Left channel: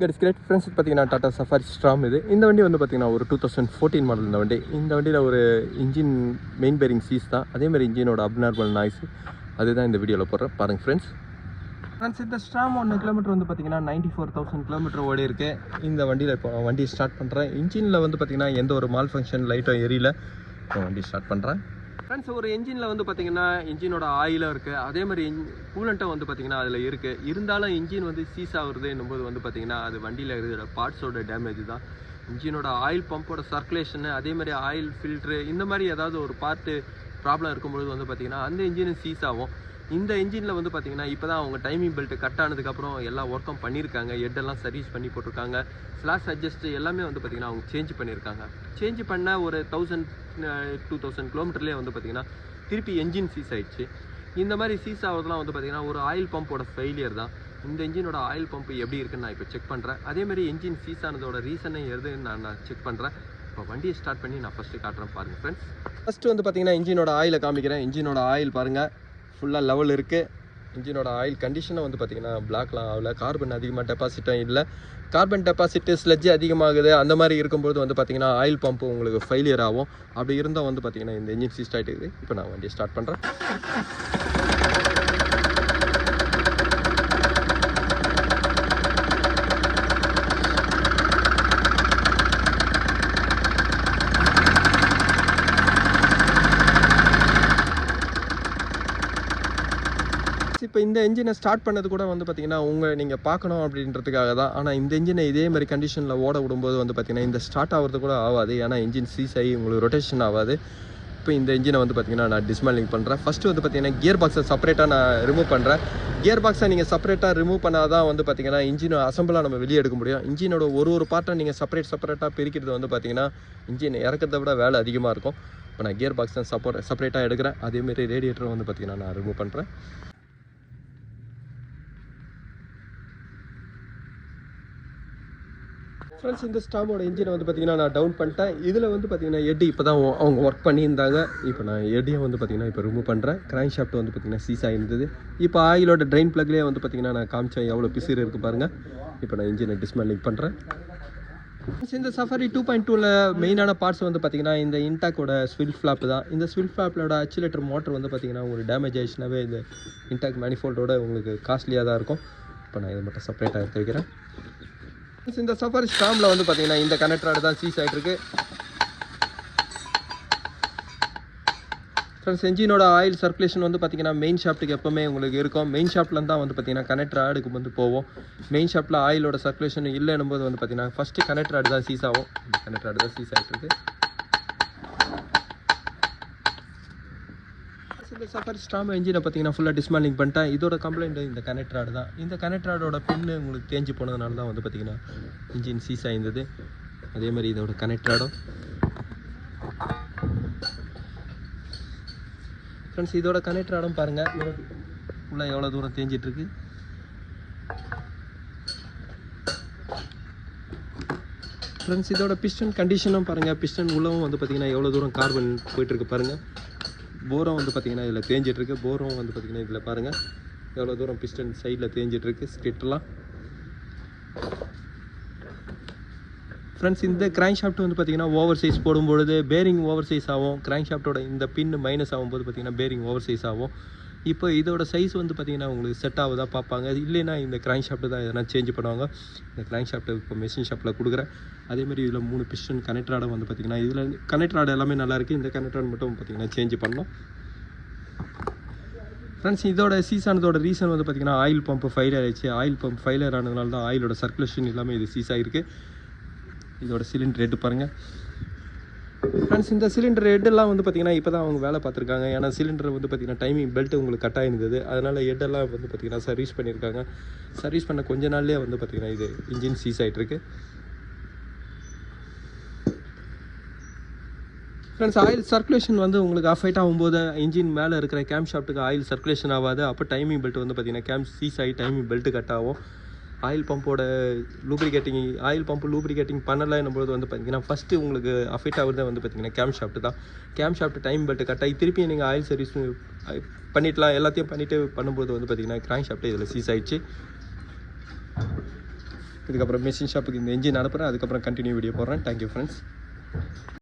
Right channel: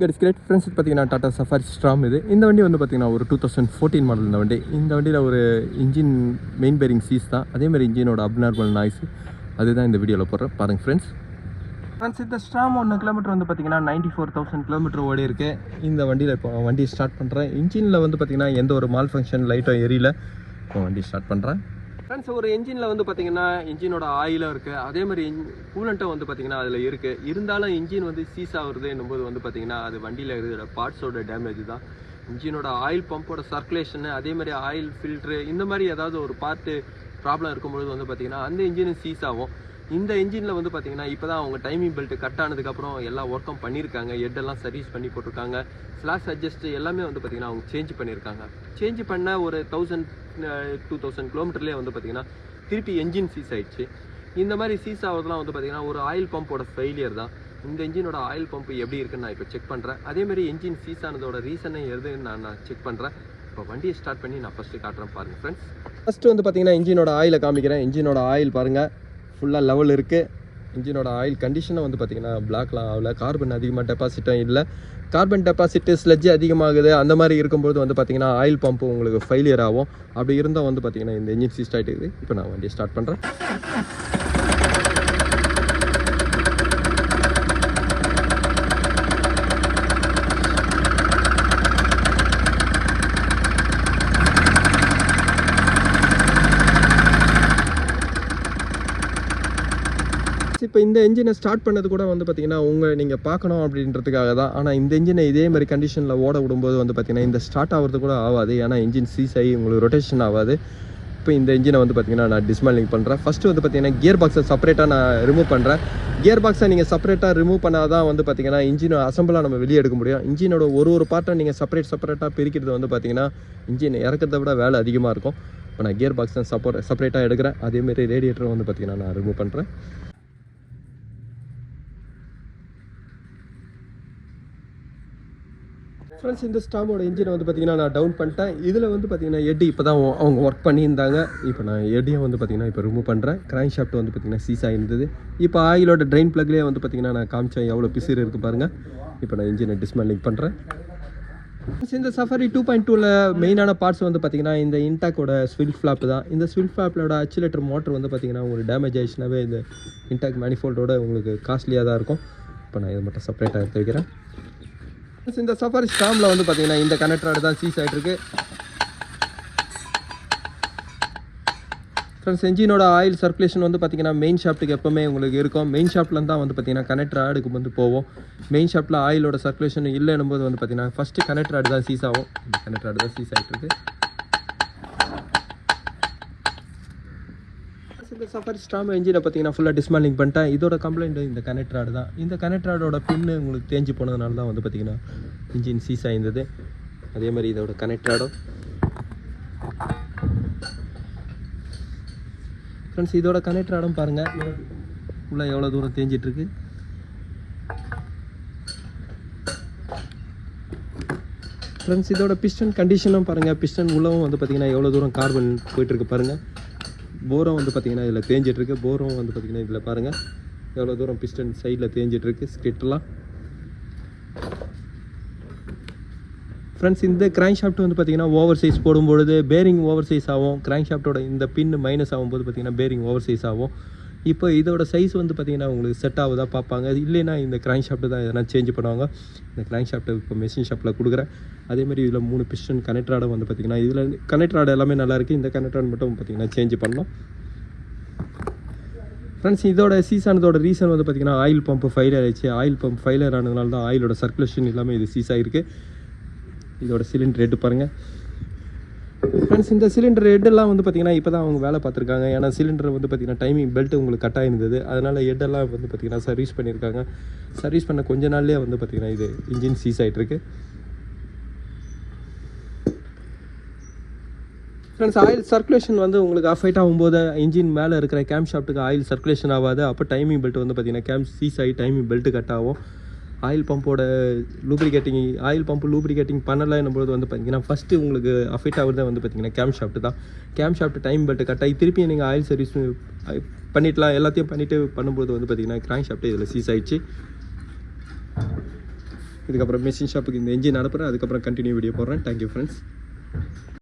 Great friends பார்த்தீங்கன்னா Tata safari ஸ்ட்ராம் இந்த வண்டி வந்து பார்த்தீங்கன்னா ஒரு 2014 மாடல் இந்த வண்டியில் ஒரு இன்ஜின் மெயின் பேரிங் சீஸ் தான். அதே மாதிரி இன்ஜினோட அப்நார்மல் நாய்ஸ் அதுதான் இந்த வீடியோவில் போடுறேன் பாருங்கள் ஃப்ரெண்ட்ஸ். இந்த ஸ்ட்ராம் 1 கிலோமீட்டர் வந்து பார்த்தீங்கன்னா 94,000 கிலோமீட்டர் ஓடி இருக்கு. இந்த வண்டியில் இப்போ வண்டி ஸ்டார்ட் பண்ணுறேன். இன்ஜினில் வந்து பார்த்தீங்கன்னா எந்த ஒரு மால் ஃபங்க்ஷன் லைட்டும் எரியல. இப்போ வண்டி ஸ்டார்ட் பண்ணுறேன் ஃப்ரெண்ட்ஸ். ஒரு இன்ஜினில் வந்து பார்த்தீங்கன்னா இன்ஜினோட ஆயிலும் இருக்குது, அதே மாதிரி கூலண்ட்டும் வந்து பார்த்தீங்கன்னா அதில் இருக்குது. இருந்தாலும் இன்ஜின் வந்து சீஸ் ஆகுறது என்னும்போது வந்து பார்த்தீங்கன்னா அது வண்டியில் இருக்கிற பார்ட்ஸோட டேமேஜ் தான். இன்ஜினோட ஆயில் பம்போட சர்க்குலேஷனு, அதே மாதிரி ஆயில் ஃபில்ட்ரு, இந்த மாதிரி ஏதாவது ஒரு பார்ட்டு ப்ராப்ளம் இருக்கும்பொழுது வந்து பார்த்தீங்கன்னா அந்த இன்ஜினும் சீஸ் ஆகும். இந்த இன்ஜினில் வந்து பார்த்தீங்கன்னா இப்போ தான் அவங்க டைமிங் பெல்ட் கட் ஆனதுக்கப்புறம் எல்லா ஒர்க்கும் பண்ணியிருக்காங்க. ஹெட்டெல்லாம் சர்வீஸ் பண்ணி போட்டிருக்காங்க. ஸ்லாஷ் அட்ஜஸ்ட் எல்லாமே வந்து பார்த்தீங்கன்னா அவங்க சேஞ்ச் பண்ணியிருக்காங்க. சேஞ்ச் பண்ண ஒரு 1000-2000 கிலோமீட்டர்லேயே வந்து பார்த்தீங்கன்னா திருப்பி என்ஜின் சீஸ் ஆகிடுச்சு. இந்த மாதிரி சீஸ் ஆகிறதுலாம் வந்து பார்த்தீங்கன்னா ஒரு ஆயில் பம்போட ஃபெயிலியர் தான். இந்த இன்ஜினோட ஆயில் பம்ப் எப்படி இருக்குன்னு நான் இப்போ செக் பண்ணுறேன். அதேமாதிரி என்ஜின் சீஸ் ஆனதோட ரீசனே எதுன்னு நான் செக் பண்ணுறேன். இப்போ வண்டியை ஸ்டார்ட் பண்ணி நான் ஃபஸ்ட்டு காட்டுறேன் பாருங்கள் ஃப்ரெண்ட்ஸ். ஃபஸ்ட்டு வந்து பார்த்தீங்கன்னா இன்ஜினோட ஆயிலை காமிக்கிறேன். இன்ஜினோட ஆயில் பாருங்கள் ஃபுல்லாக லெவல் இருக்குது. இன்ஜினோட ஆயில் கண்டிஷனை வந்து பார்த்தீங்கன்னா பிளாக்லாம் ஆகல. கார்பன் அதிகமாக டெபாசிட்டும் இல்லை. கார்பன் டெபாசிட்டு ஸ்லெட்ஜ் அதிகமாகுது. அந்த மாதிரி இருக்கும்போது வந்து பார்த்தீங்கன்னா ஆயில் பம்ப் உங்களுக்கு ஃபெயிலியர் ஆகும். அப்படி இருந்தால் வந்து பார்த்தீங்கன்னா இந்த இன்ஜின் சீஸ் ஆகிட்டு. இப்போ நான் வண்டியை ஸ்டார்ட் பண்ணுறேன். இப்போ இந்த இன்ஜினை ஸ்டார்ட் பண்ணது கூட வந்து பார்த்தீங்கன்னா நீங்கள் பார்க்கணும் அப்படின்றதுக்காக தான். ஆனால் இந்த இன்ஜினை இதே மாதிரி கண்டிஷனில் ஓட விடும்போது வந்து பார்த்தீங்கன்னா இந்த ஸ்டார்ட் ஆகிறது கூட ஆகாது. ஏன்னா இன்ஜின் சீஸ் ஆகி உங்களுக்கு ரொட்டேஷன் ஆகாது. இப்போ இந்த இன்ஜினை வந்து பார்த்தீங்கன்னா நான் டிஸ்மேண்டிங் பண்ணுறேன். ஃபஸ்ட்டு வந்து பார்த்தீங்கன்னா கியர் பாக்ஸை செப்பரேட்டாக நான் ரிமூவ் பண்ணுறேன். கியர் பாக்ஸை நீங்கள் செப்பரேட்டாக ரிமூவ் பண்ணால் தான் வந்து பார்த்தீங்கன்னா இன்ஜினை அசம்பிளாக நம்ம வெளியே எடுக்க முடியும். இன்ஜினோட ஒரு பார்ட்டை நீங்கள் செப்பரேட்டாக பிரிக்கிறது வந்து பார்த்தீங்கன்னா இன்ஜின் இறக்கிறத விட வேலை அதிகமாக இருக்கும். இப்போ நான் கியர் பாக்ஸ் தான் செப்பரேட்டாக எடுக்கிறேன். அதேமாரி ரேடியேட்டரை வந்து பார்த்தீங்கன்னா நான் ரிமூவ் பண்ணுறேன். ஃப்ரெண்ட்ஸ், இந்த ஸ்டாமோட இன்ஜினை வந்து பார்த்தீங்கன்னா நான் டவுன் பண்ணிட்டேன். இதில் வந்து பார்த்தீங்கன்னா எட்டு இப்போ தான் அவங்க ஒர்க் பண்ணியிருந்தாங்க. இப்போ நான் எட்டையும் வந்து பார்த்தீங்கன்னா இப்போ ரிமூவ் பண்ணுறேன். கிராங்க் ஷாஃப்ட் வந்து பார்த்தீங்கன்னா சீஸ் ஆகிருந்தது. இப்போ ஆயிலோட ட்ரெயின் ப்ளக்லேயே வந்து பார்த்தீங்கன்னா நான் காமிச்சேன் எவ்வளோ பிசிறு இருக்குது பாருங்கள். இப்போ நான் இன்ஜினை டிஸ்மேண்டில் பண்ணுறேன். இந்த சஃபாரி 2.2ல மெயினான பார்ட்ஸ் வந்து பார்த்தீங்கன்னா இந்த இன்டாக்கோட ஸ்வில் ஃப்ளாப் தான். இந்த ஸ்வில் ஃப்ளாப்போட அக்சிலேட்டர் மோட்டர் வந்து பார்த்தீங்கன்னா உங்களுக்கு டேமேஜ் ஆகிடுச்சுனாவே இந்த இன்டாக் மேனிஃபோல்டோட உங்களுக்கு காஸ்ட்லியாக தான் இருக்கும். இப்போ நான் இதை மட்டும் செப்பரேட்டாக எடுத்து வைக்கிறேன். இந்த சஃபாரி ஸ்டாமில் வந்து பார்த்தீங்கன்னா இந்த கனெக்டரோட தான் சீஸ் ஆகிட்டுருக்கு. ஃப்ரெண்ட்ஸ், என்ஜினோட ஆயில் சர்க்குலேஷன் வந்து பார்த்தீங்கன்னா மெயின் ஷாஃப்ட்டுக்கு எப்போவுமே உங்களுக்கு இருக்கும். மெயின் ஷாஃப்ட்டில் தான் வந்து பார்த்தீங்கன்னா கனெக்டர் ஆடுக்கு வந்து போவோம். மெயின் ஷாஃப்ட்டில் ஆயிலோட சர்க்குலேஷன் இல்லைன்னும் போது வந்து பார்த்தீங்கன்னா ஃபஸ்ட்டு கனெக்டர் ஆடு தான் சீஸ் ஆகும். கனெக்டர் ஆடு தான் சீஸ் ஆகிட்டுருக்கு. இந்த சஃபாரி ஸ்டாம் இன்ஜினை பார்த்தீங்கன்னா ஃபுல்லாக டிஸ்மேண்டிங் பண்ணிட்டேன். இதோட கம்ப்ளைண்ட் இந்த கனெக்டர் ஆடு தான். இந்த கனெக்டர் ஆடோட பின்னு உங்களுக்கு தேஞ்சு போனதுனால தான் வந்து பார்த்தீங்கன்னா இன்ஜின் சீஸ் ஆகிருந்தது. அதே மாதிரி இதோட கனெக்டர் ஆடும். ஃப்ரெண்ட்ஸ், இதோட கனெக்டர் ஆடும் பாருங்கள் உள்ள எவ்வளோ தூரம் தேஞ்சிட்ருக்கு. ஃப்ரெண்ட்ஸ், இதோட பிஸ்டன் கண்டிஷனும் பாருங்கள். பிஸ்டன் உள்ளவும் வந்து பார்த்தீங்கன்னா எவ்வளோ தூரம் கார்பன் போயிட்டுருக்கு பாருங்கள். போரும் வந்து பார்த்தீங்கன்னா இதில் தேஞ்சிட்ருக்கு. போரும் வந்து பார்த்தீங்கன்னா இதில் பாருங்கள் எவ்வளோ தூரம் பிஸ்டன் சைடில் தேஞ்சிட்ருக்கு ஸ்கிரிட்டெலாம். ஃப்ரெண்ட்ஸ், இந்த கிராங்க் ஷாஃப்ட் வந்து பார்த்தீங்கன்னா ஓவர் சைஸ் போடும்பொழுது பேரிங் ஓவர் சைஸ் ஆகும். கிராங்க் ஷாஃப்ட்டோட இந்த பின் மைனஸ் ஆகும்போது பார்த்தீங்கன்னா பேரிங் ஓவர் சைஸ் ஆகும். இப்போ இதோட சைஸ் வந்து பார்த்தீங்கன்னா உங்களுக்கு செட் ஆகுதா பார்ப்பாங்க. இல்லைன்னா இந்த கிராங்க் ஷாஃப்ட்டு தான் எதனா சேஞ்ச் பண்ணுவாங்க. இந்த கிராங்க் ஷாஃப்ட்டு இப்போ மெஷின் ஷாப்பில் கொடுக்குறேன். அதேமாதிரி இதில் 3 பிஸ்டன் கனெக்டர் ஆடை வந்து பார்த்திங்கன்னா இதில் கனெக்டர் ஆடை எல்லாமே நல்லாயிருக்கு. இந்த கனெக்டர் ஆடு மட்டும் பார்த்திங்கன்னா சேஞ்ச் பண்ணலாம். ஃப்ரெண்ட்ஸ், இதோட சீஸ் ஆனதோட ரீசன் வந்து பார்த்திங்கன்னா ஆயில் பம்ப் ஃபெயிலியர் ஆகிடுச்சு. ஆயில் பம்ப் ஃபெயிலியர் ஆனதுனால தான் ஆயிலோட சர்க்குலேஷன் எல்லாமே இது சீஸ் ஆகிருக்கு. இதோட சிலிண்டர் ஹெட் பாருங்கள். ஃப்ரெண்ட்ஸ், இந்த சிலிண்டர் ஹெட்டெல்லாம் வந்து பார்த்திங்கன்னா இப்போ தான் அவங்க வேலை பார்த்துருக்காங்க. ஏன்னா சிலிண்டர் வந்து பார்த்திங்கன்னா டைமிங் பெல்ட் உங்களுக்கு கட் ஆகிருந்தது. அதனால் ஹெட்டெல்லாம் வந்து பார்த்திங்கன்னா சர்வீஸ் பண்ணியிருக்காங்க. சர்வீஸ் பண்ண கொஞ்ச நாள்லேயே வந்து பார்த்திங்கன்னா இது இன்ஜின் சீஸ் ஆகிட்டுருக்கு. ஃப்ரெண்ட்ஸ், ஆயில் சர்க்குலேஷன் வந்து உங்களுக்கு ஆஃப் ஆகும்போது இன்ஜின் மேலே இருக்கிற கேம் ஷாஃப்ட்டுக்கு ஆயில் சர்க்குலேஷன் ஆகாது. அப்போ டைமிங் பெல்ட் வந்து பார்த்திங்கன்னா கேம் சீஸ் ஆகி டைமிங் பெல்ட்டு கட் ஆகும். ஆயில் பம்போட லூப்ரிகேட்டிங் ஆயில் பம்பு லூப்ரிகேட்டிங் பண்ணலைன்னும்போது வந்து பார்த்தீங்கன்னா ஃபஸ்ட்டு உங்களுக்கு அஃபெக்ட் ஆகுறதே வந்து பார்த்தீங்கன்னா கேம் ஷாஃப்ட் தான். Camshaft time belt cut ஆகி திருப்பி நீங்கள் ஆயில் சர்வீஸ் பண்ணிடலாம். எல்லாத்தையும் பண்ணிவிட்டு பண்ணும்போது வந்து பார்த்தீங்கன்னா கிராங்க் ஷாஃப்ட்டு இதில் சீஸ் ஆகிடுச்சு. இதுக்கப்புறம் மிஷின் ஷாப்புக்கு இந்த இன்ஜின் அனுப்புகிறேன், அதுக்கப்புறம் கண்டினியூ வீடியோ போடுறேன். Thank you friends.